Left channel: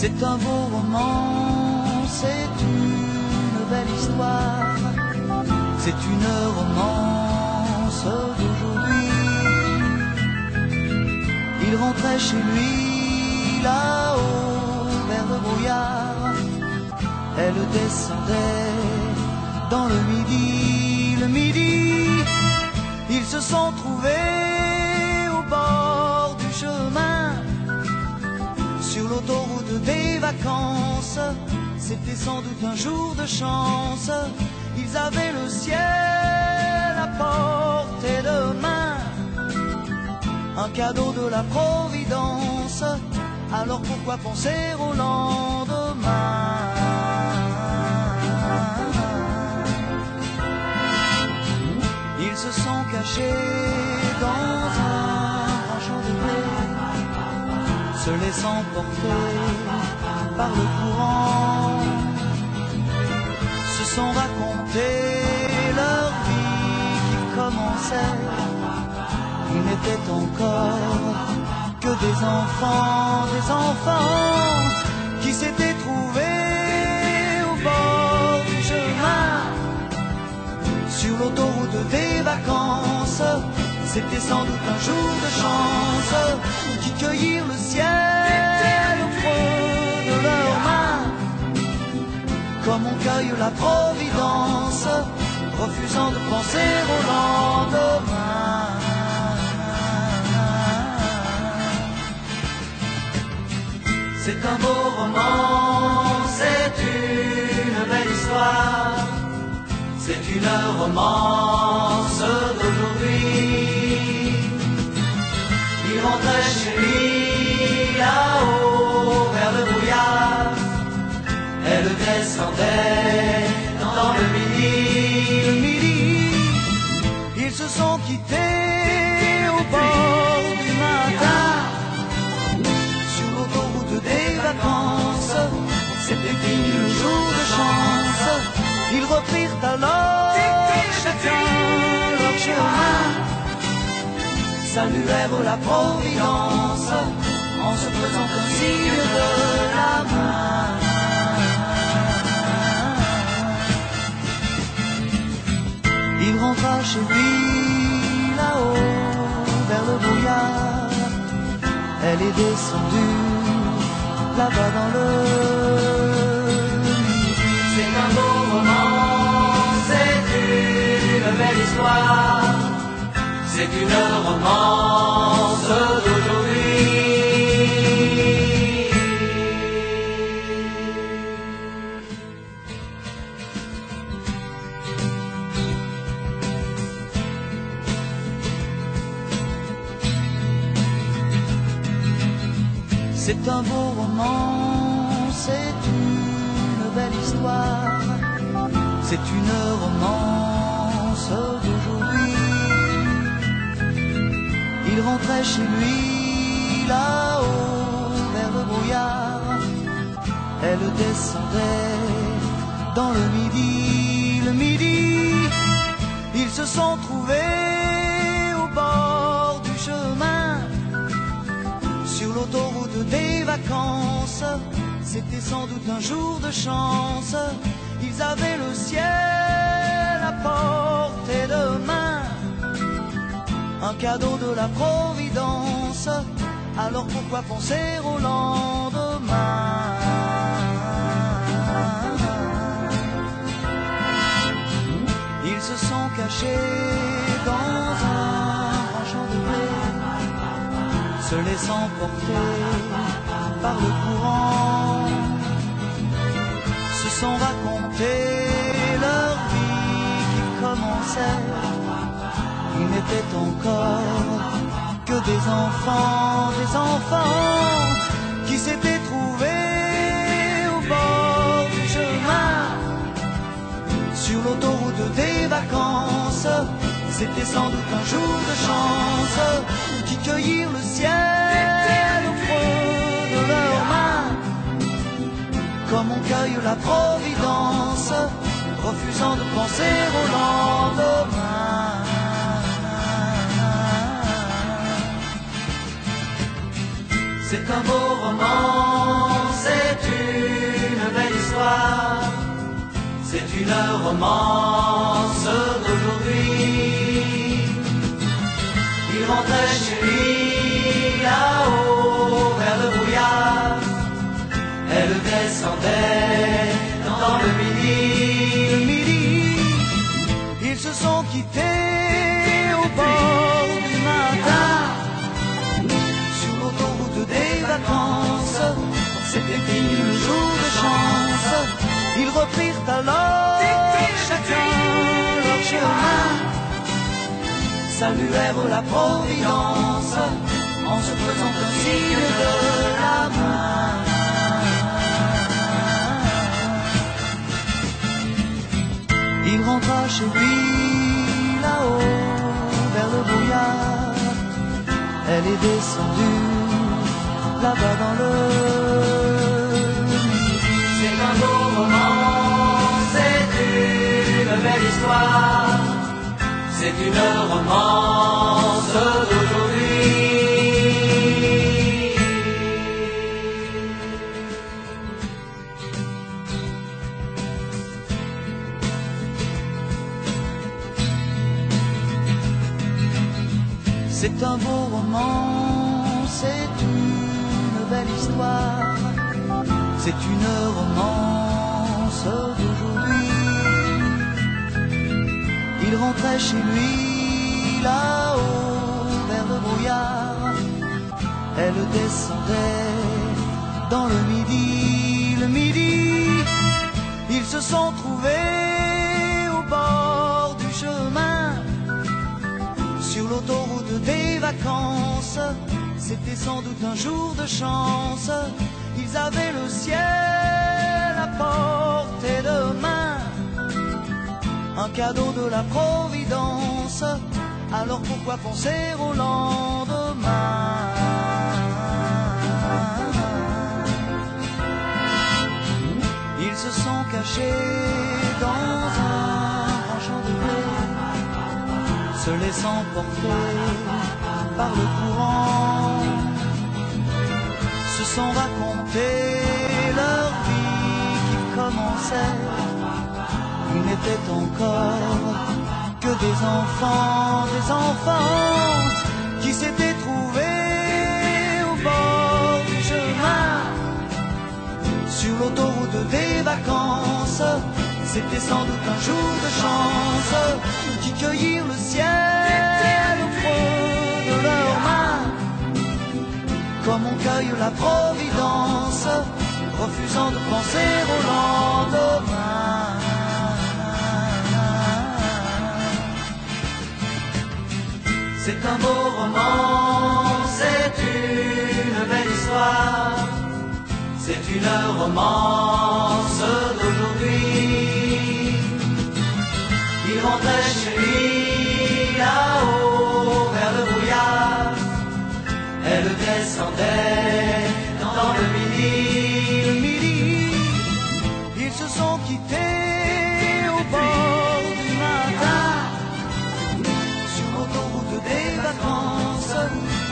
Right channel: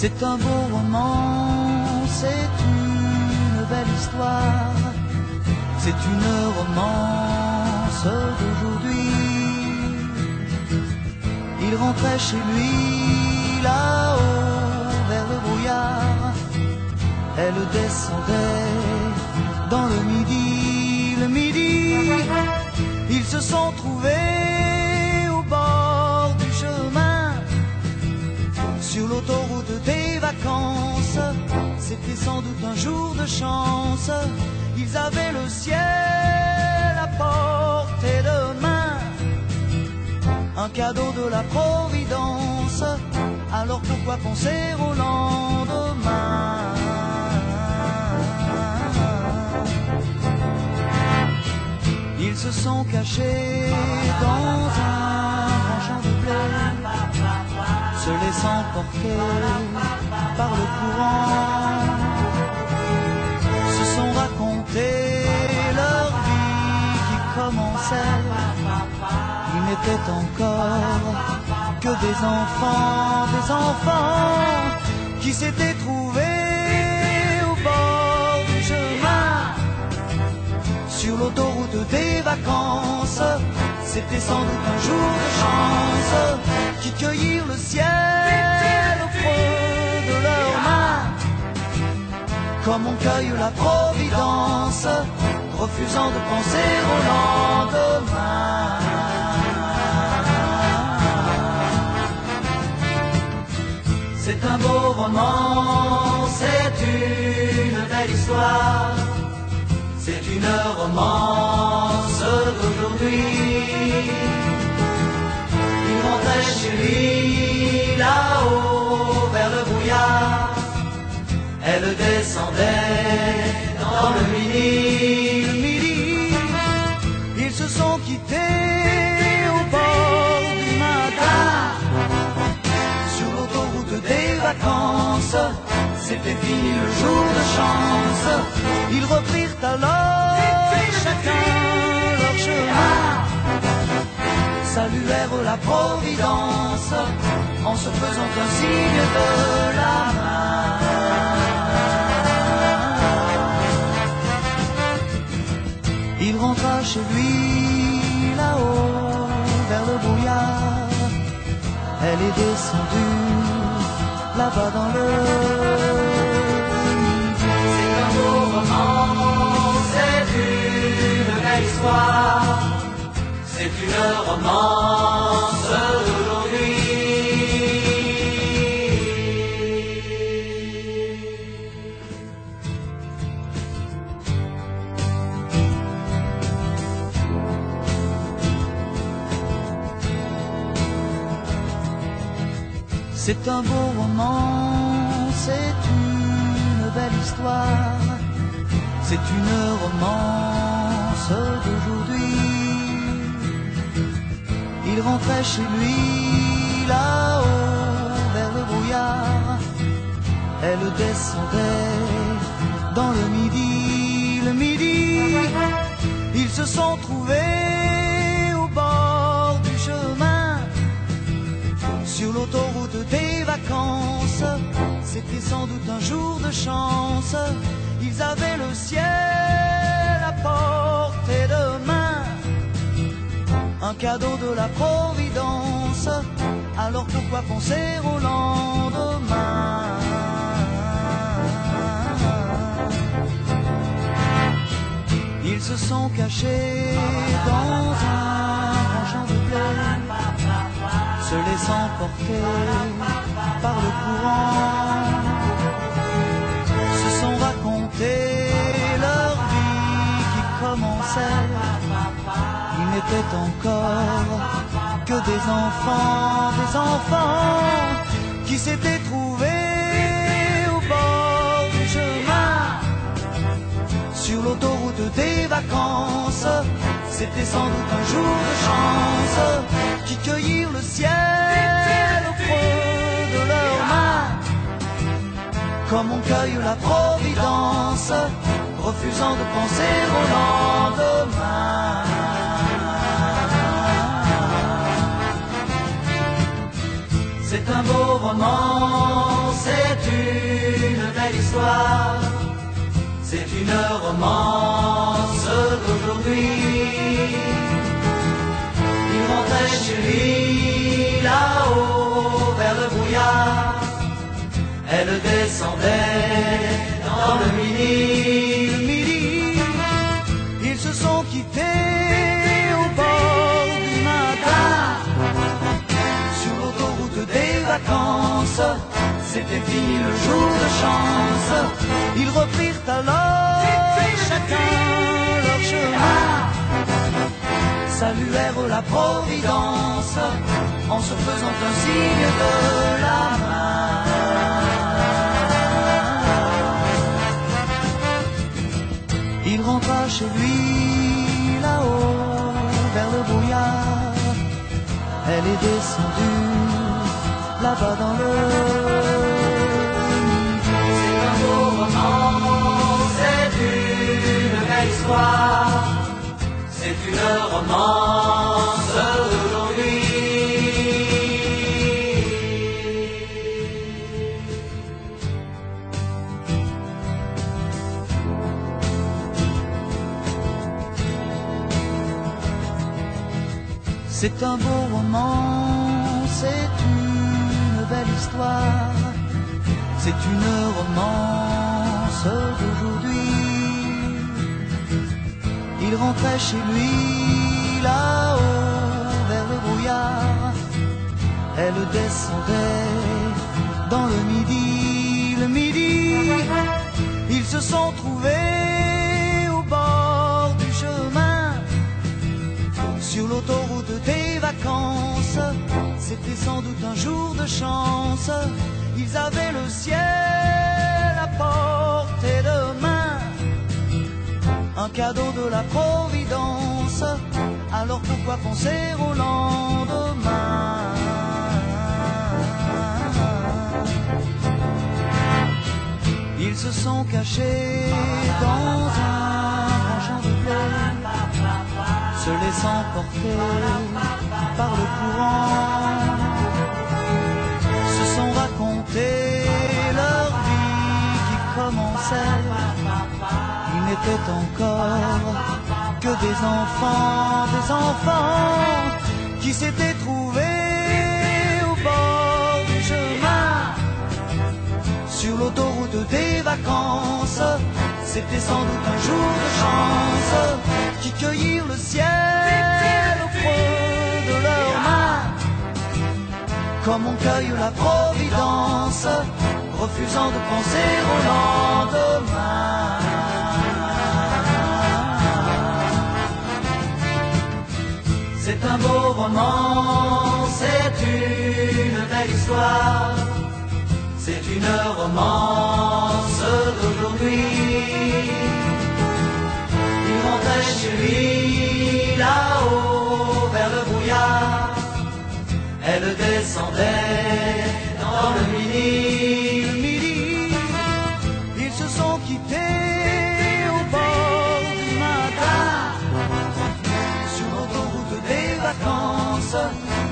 C'est un beau roman, c'est une belle histoire, c'est une romance d'aujourd'hui. Il rentrait chez lui là-haut vers le brouillard, elle descendait dans le midi, ils se sont trouvés au bord du chemin, sur l'autoroute des vacances. C'était sans doute un jour de chance, ils avaient le ciel à portée de main, un cadeau de la Providence, alors pourquoi penser au lendemain? Ils se sont cachés dans un grand champ de blé, se laissant porter par le courant, se sont raconté leur vie qui commençait. Ils n'étaient encore que des enfants qui s'étaient trouvés au bord du chemin, sur l'autoroute des vacances. C'était sans doute un jour de chance, qui cueillirent le ciel au creux de leurs mains, comme on cueille la Providence, refusant de penser au lendemain. C'est un beau roman, c'est une belle histoire, c'est une romance d'aujourd'hui. Il rentrait chez lui là-haut vers le brouillard, elle descendait dans le midi. Ils se sont quittés au bord du matin, sur l'autoroute des vacances. C'était fini le jour de chance, ils reprirent alors chacun leur chemin, saluèrent la Providence en se faisant un signe de la main. Il rentra chez lui là-haut vers le brouillard, elle est descendue là-bas dans le midi. C'est un beau roman, c'est une belle histoire, c'est une romance d'aujourd'hui. C'est un beau roman, c'est une belle histoire, c'est une romance d'aujourd'hui. Il rentrait chez lui là-haut vers le brouillard, elle descendait dans le midi. Ils se sont trouvés au bord du chemin, sur l'autoroute des vacances. C'était sans doute un jour de chance, ils avaient le ciel à portée de main, un cadeau de la Providence, alors pourquoi penser au lendemain? Ils se sont cachés dans un grand champ de blé, se laissant porter par le courant, se sont raconté leur vie qui commençait. Ils n'étaient encore que des enfants qui s'étaient trouvés au bord du chemin, sur l'autoroute des vacances. C'était sans doute un jour de chance, qui cueillirent le ciel au creux de leurs mains, comme on cueille la Providence, refusant de penser au lendemain. C'est un beau roman, c'est c'est une romance d'aujourd'hui. Il rentrait chez lui là-haut vers le brouillard. Elle descendait dans le midi. Le midi, ils se sont quittés au bord du matin. Sur l'autoroute des vacances, c'était fini le jour de chance. Ils reprirent alors chacun leur chemin, saluèrent la Providence en se faisant un signe de la main. Il rentra chez lui là-haut vers le brouillard. Elle est descendue là-bas dans le midi. C'est un beau roman, c'est une belle histoire. C'est une romance d'aujourd'hui. C'est un beau roman, c'est une belle histoire. C'est une romance d'aujourd'hui. Il rentrait chez lui là-haut vers le brouillard. Elle descendait dans le midi. Le midi, ils se sont trouvés au bord du chemin. Sur l'autoroute des vacances, c'était sans doute un jour de chance. Ils avaient le ciel à portée de main, un cadeau de la Providence. Alors pourquoi penser au lendemain? Ils se sont cachés dans un grand champ de blé, se laissant porter par le courant, se sont raconté leur vie qui commençait. Ils n'étaient encore que des enfants qui s'étaient trouvés au bord du chemin. Sur l'autoroute des vacances, c'était sans doute un jour de chance, qui cueillirent le ciel au creux de leurs mains, comme on cueille la Providence, refusant de penser au lendemain. C'est un beau roman, c'est une belle histoire. C'est une romance d'aujourd'hui. Il rentrait chez lui là-haut vers le brouillard. Elle descendait dans le midi. Le midi, ils se sont quittés au bord du matin. Sur l'autoroute des vacances,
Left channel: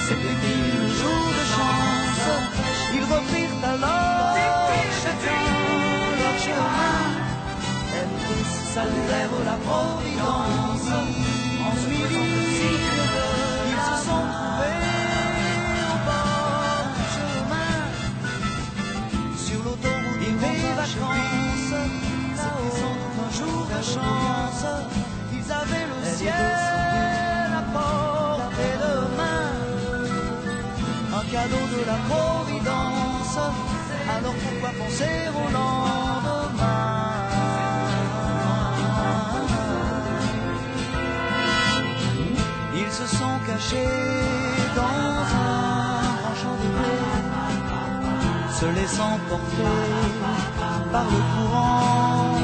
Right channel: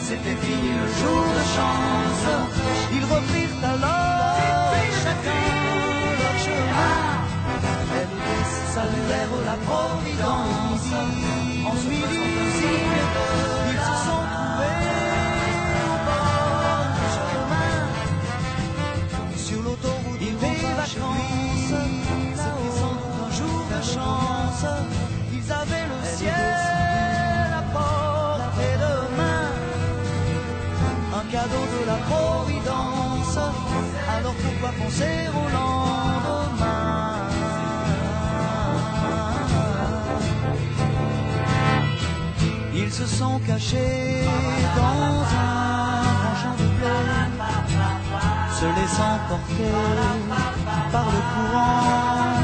c'était fini le jour de chance. Ils reprirent alors chacun leur chemin. Elles saluèrent la Providence en ce midi. Ils se sont trouvés au bord du chemin. Sur l'autoroute des vacances, c'était sans doute un jour de chance. Ils avaient le ciel à portée de main, un cadeau de la Providence. Alors pourquoi penser au lendemain? Ils se sont cachés dans un grand champ de blé, se laissant porter par le courant,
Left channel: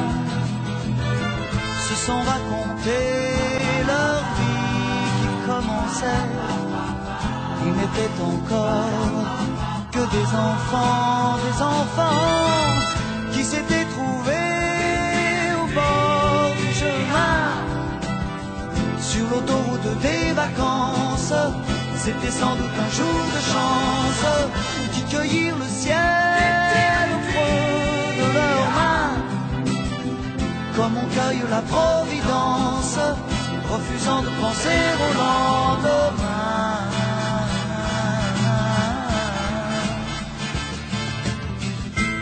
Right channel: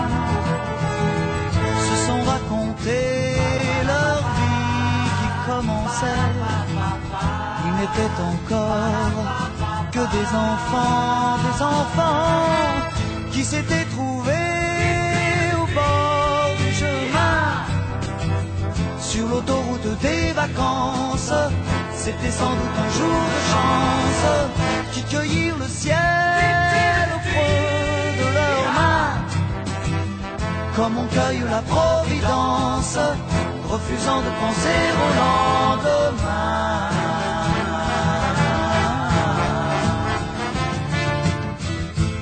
se sont raconté leur vie qui commençait. Ils n'étaient encore que des enfants qui s'étaient trouvés au bord du chemin. Sur l'autoroute des vacances, c'était sans doute un jour de chance, qui cueillirent le ciel au creux de leurs mains, comme on cueille la providence, refusant de penser au lendemain.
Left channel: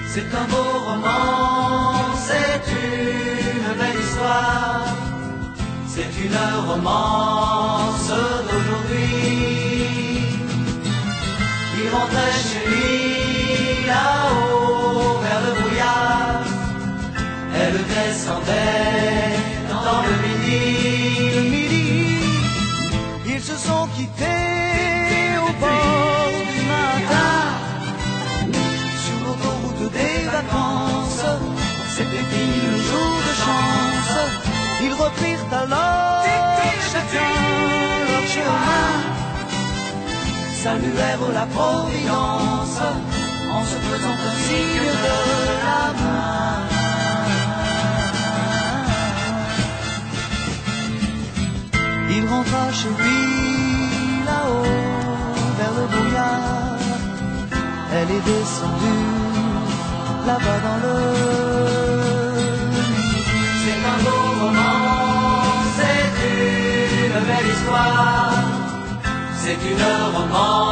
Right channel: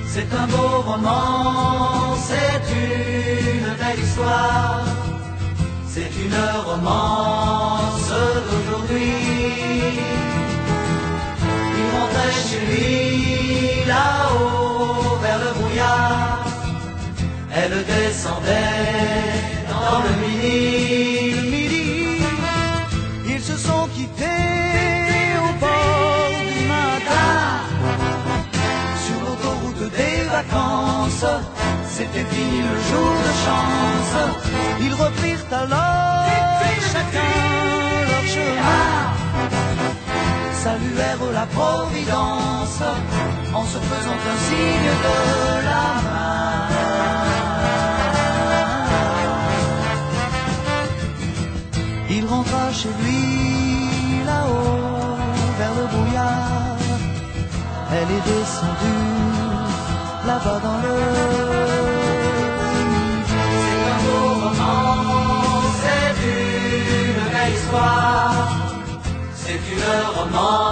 C'est un beau roman, c'est une belle histoire, c'est une romance d'aujourd'hui. Il rentrait chez lui là-haut vers le brouillard, elle descendait dans le midi. Ils se sont quittés au bord du matin, sur l'autoroute des vacances. C'était fini le jour de chance. Ils reprirent alors chacun leur chemin, saluèrent la providence en se faisant un signe de la main. Il rentra chez lui là-haut vers le brouillard. Elle est descendue là-bas dans le midi. C'est un beau roman, c'est une belle histoire, c'est une romance